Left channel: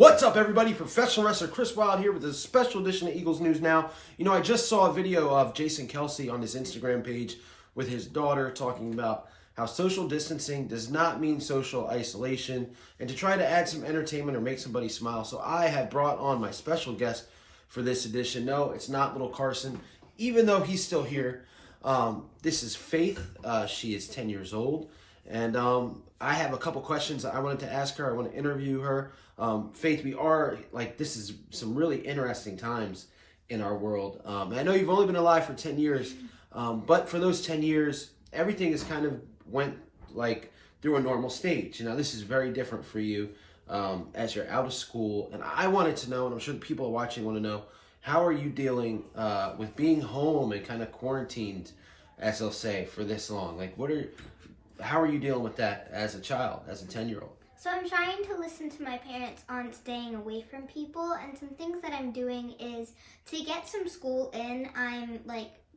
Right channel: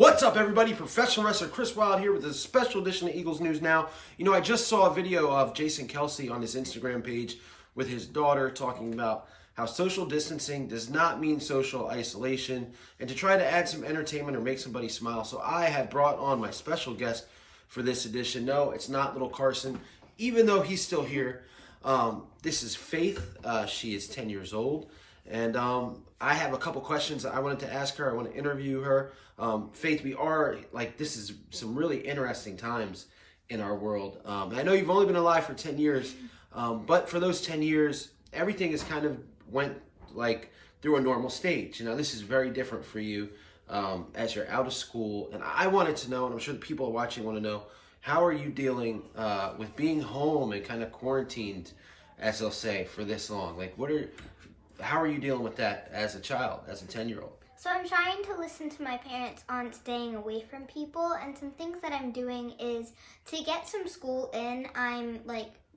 What's up, everybody? Professional wrestler Chris Wilde here with a special edition of Eagles News Now. You know, I just saw a video of Jason Kelce on his Instagram page with his daughter talking about how social distancing does not mean social isolation and to try to add some entertainment or make somebody smile. So I have brought on my special guest for this edition. No, it's not little Carson, even though he's still here. This is Faith. She is 10 years old. And I have a couple questions I wanted to ask her. I want to interview her. Faith, this is some really interesting times in our world. I know you've only been alive for 10 years, but for those 10 years, everything has kind of went through a normal stage. You know, this is very different for you as you're out of school. And I wanted to know, and I'm sure the people watching want to know, how are you dealing with being home and kind of quarantined, as they'll say, for this long? How are you dealing with that as a child, as a 10-year-old? So I'm trying to listen to my parents on staying away from people, and some things that I'm doing is to get some school in, I'm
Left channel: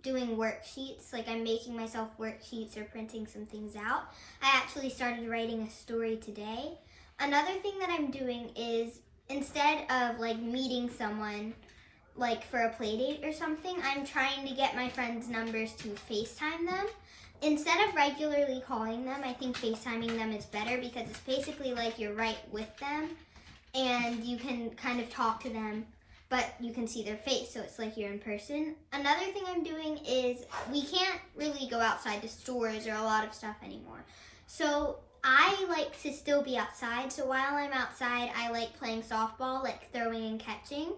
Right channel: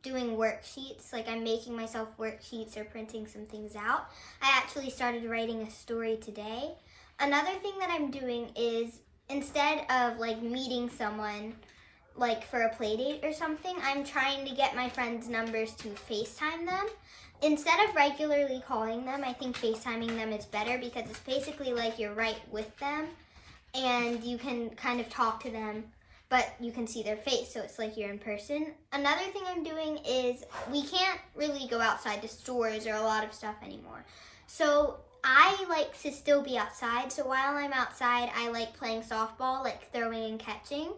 doing worksheets, I'm making myself worksheets or printing some things out. I actually started writing a story today. Another thing that I'm doing is instead of meeting someone for a play date or something, I'm trying to get my friends' numbers to FaceTime them. Instead of regularly calling them, I think FaceTiming them is better because it's basically like you're right with them and you can kind of talk to them, but you can see their face, so it's like you're in person. Another thing I'm doing is we can't really go outside to stores or a lot of stuff anymore. So I like to still be outside, so while I'm outside, I like playing softball, throwing and catching,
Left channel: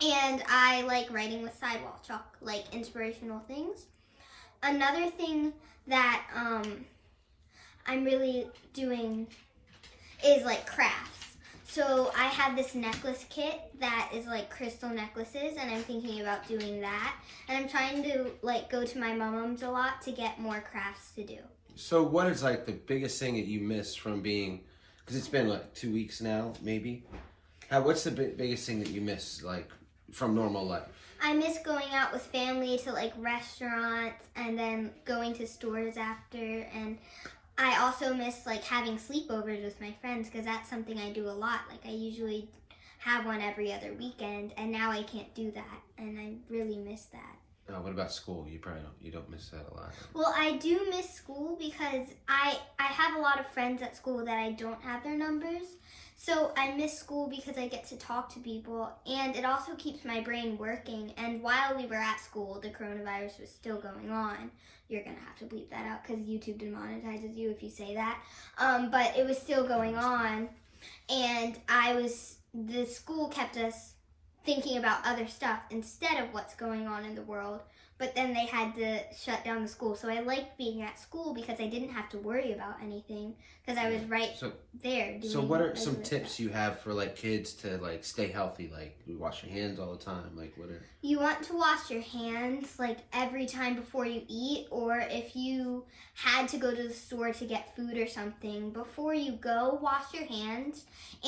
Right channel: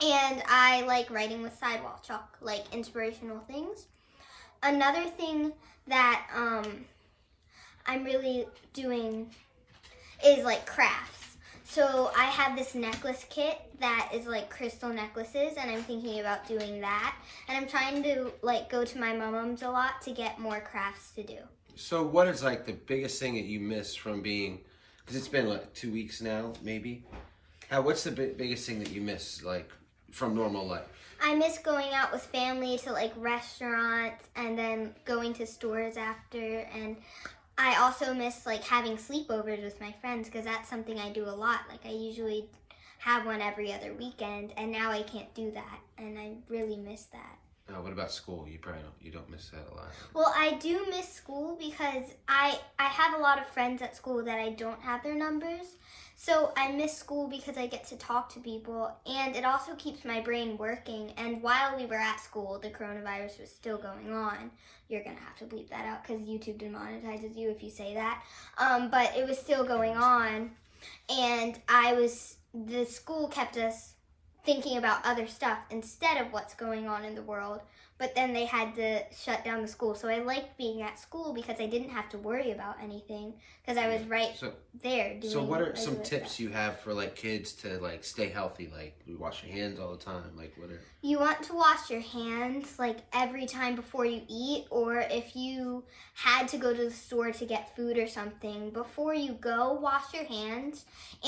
and I like writing with sidewalk chalk, inspirational things. Another thing that I'm really doing is crafts. So I have this necklace kit that is crystal necklaces, and I'm thinking about doing that. And I'm trying to go to my mom's a lot to get more crafts to do. So what is the biggest thing that you miss from being, because it's been 2 weeks now, maybe? What's the biggest thing that you miss from normal life? I miss going out with family to restaurants and then going to stores after, and I also miss having sleepovers with my friends because that's something I do a lot. I usually have one every other weekend, and now I can't do that, and I really miss that. What about school? You don't miss that a lot. Well, I do miss school because I have a lot of friends at school that I don't have their numbers. So I miss school because I get to talk to people, and it also keeps my brain working. And while we were at school, the coronavirus was still going on. You're going to have to bleep that out because YouTube demonetizes you if you say that. But it was still going on, and the school kept us thinking about other stuff instead of what's going on in the world. But then they had to shut down the school. So I liked being at school because I didn't have to worry about anything because I was there doing. So what are some tips you have for kids to stay healthy? You wash your hands all the time. What are... You want to wash your hands every time before you eat, or if you had to go to the store to get food or something, before you go, wash your hands.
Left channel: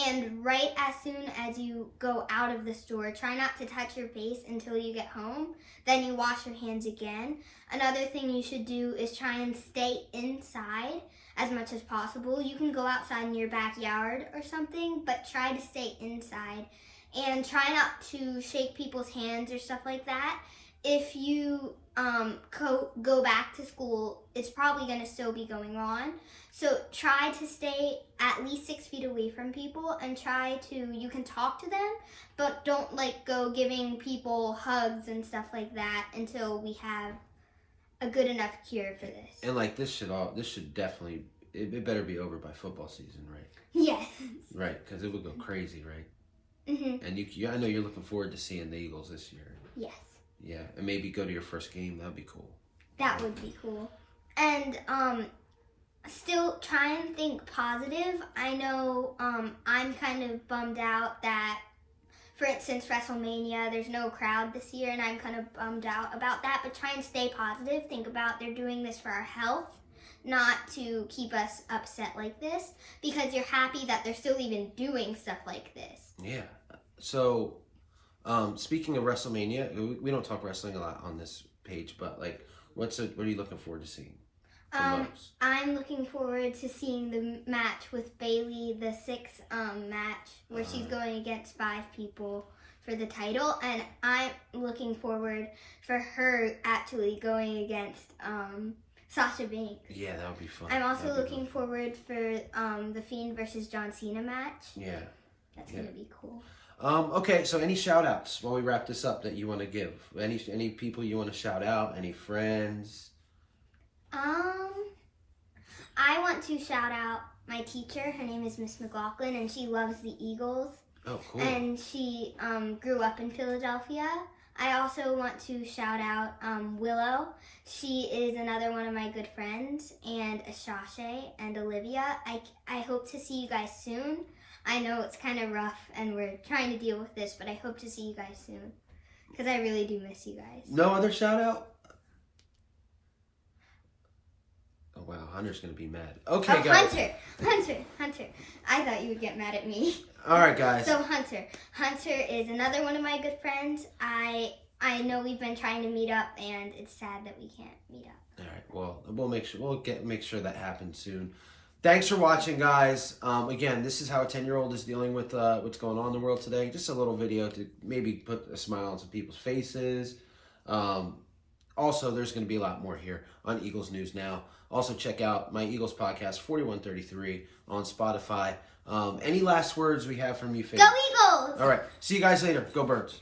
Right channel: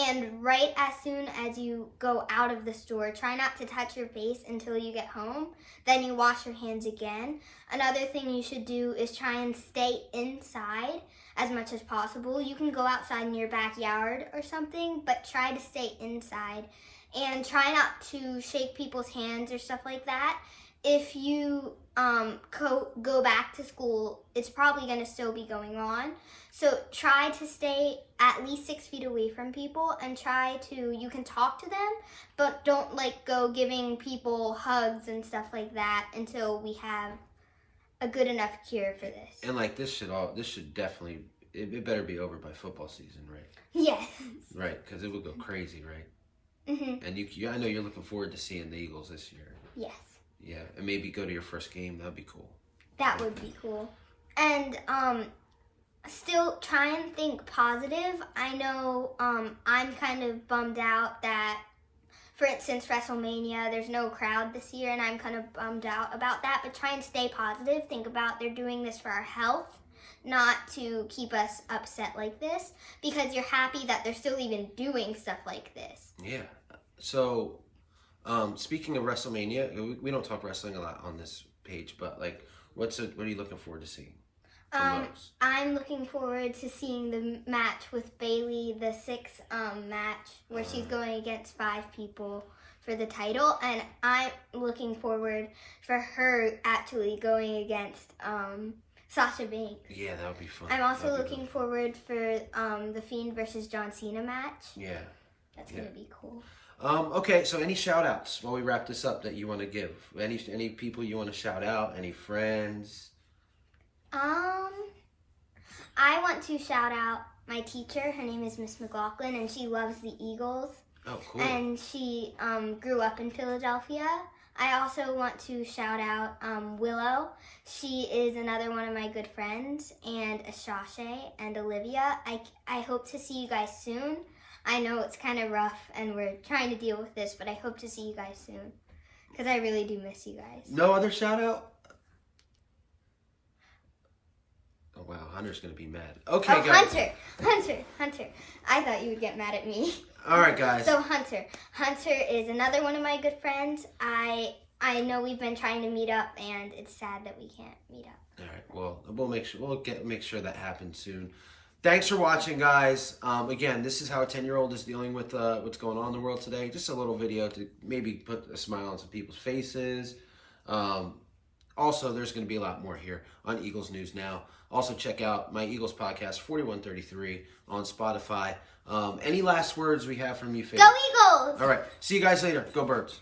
And right as soon as you go out of the store, try not to touch your face until you get home. Then you wash your hands again. Another thing you should do is try and stay inside as much as possible. You can go outside in your backyard or something, but try to stay inside. And try not to shake people's hands or stuff like that. If you go back to school, it's probably going to still be going on. So try to stay at least 6 feet away from people and you can talk to them, but don't go giving people hugs and stuff like that until we have a good enough cure for this. And this should definitely, it better be over by football season, right? Yes. Right, because it would go crazy, right? Mm-hmm. And I know you're looking forward to seeing the Eagles this year. Yes. Yeah, and maybe go to your first game. That'd be cool. That would be cool. And still try and think positive. I know I'm kind of bummed out that, for instance, WrestleMania, there's no crowd this year, and I'm kind of bummed out about that. But try and stay positive. Think about they're doing this for our health, not to keep us upset like this, because you're happy that they're still even doing stuff like this. Yeah. So, speaking of WrestleMania, we don't talk wrestling a lot on this page, but what are you looking forward to seeing? the most? I'm looking forward to seeing the match with Bailey, the sixth match where she's going against 5 people for the title, and I'm looking forward for her actually going against Sasha Banks. Yeah, that would be fun. I'm also looking forward for the Fiend versus John Cena match. Yeah. That's going to be cool. Okay, so any shout outs while we wrap this up that you want to give? Any people you want to shout out? Any friends? I want to shout out my teacher. Her name is Miss McLaughlin, and she loves the Eagles. Oh, cool. And she grew up in Philadelphia. I also want to shout out Willow. She is another one of my good friends, and Ashashe and Olivia. I hope to see you guys soon. I know it's kind of rough, and we're trying to deal with this, but I hope to see you guys soon, because I really do miss you guys. No other shout out? Oh, wow. Hunter's going to be mad. Okay, guys. Hunter. I thought you would get mad at me. All right, guys. So Hunter is another one of my good friends. I know we've been trying to meet up, and it's sad that we can't meet up. All right. Well, we'll make sure that happens soon. Thanks for watching, guys. Again, this is how a 10-year-old is dealing with what's going on in the world today. Just a little video to maybe put a smile on some people's faces. Also, there's going to be a lot more here on Eagles News Now. Also, check out my Eagles podcast, 4133, on Spotify. Any last words we have from you, Faith? Go Eagles! All right. See you guys later. Go Birds.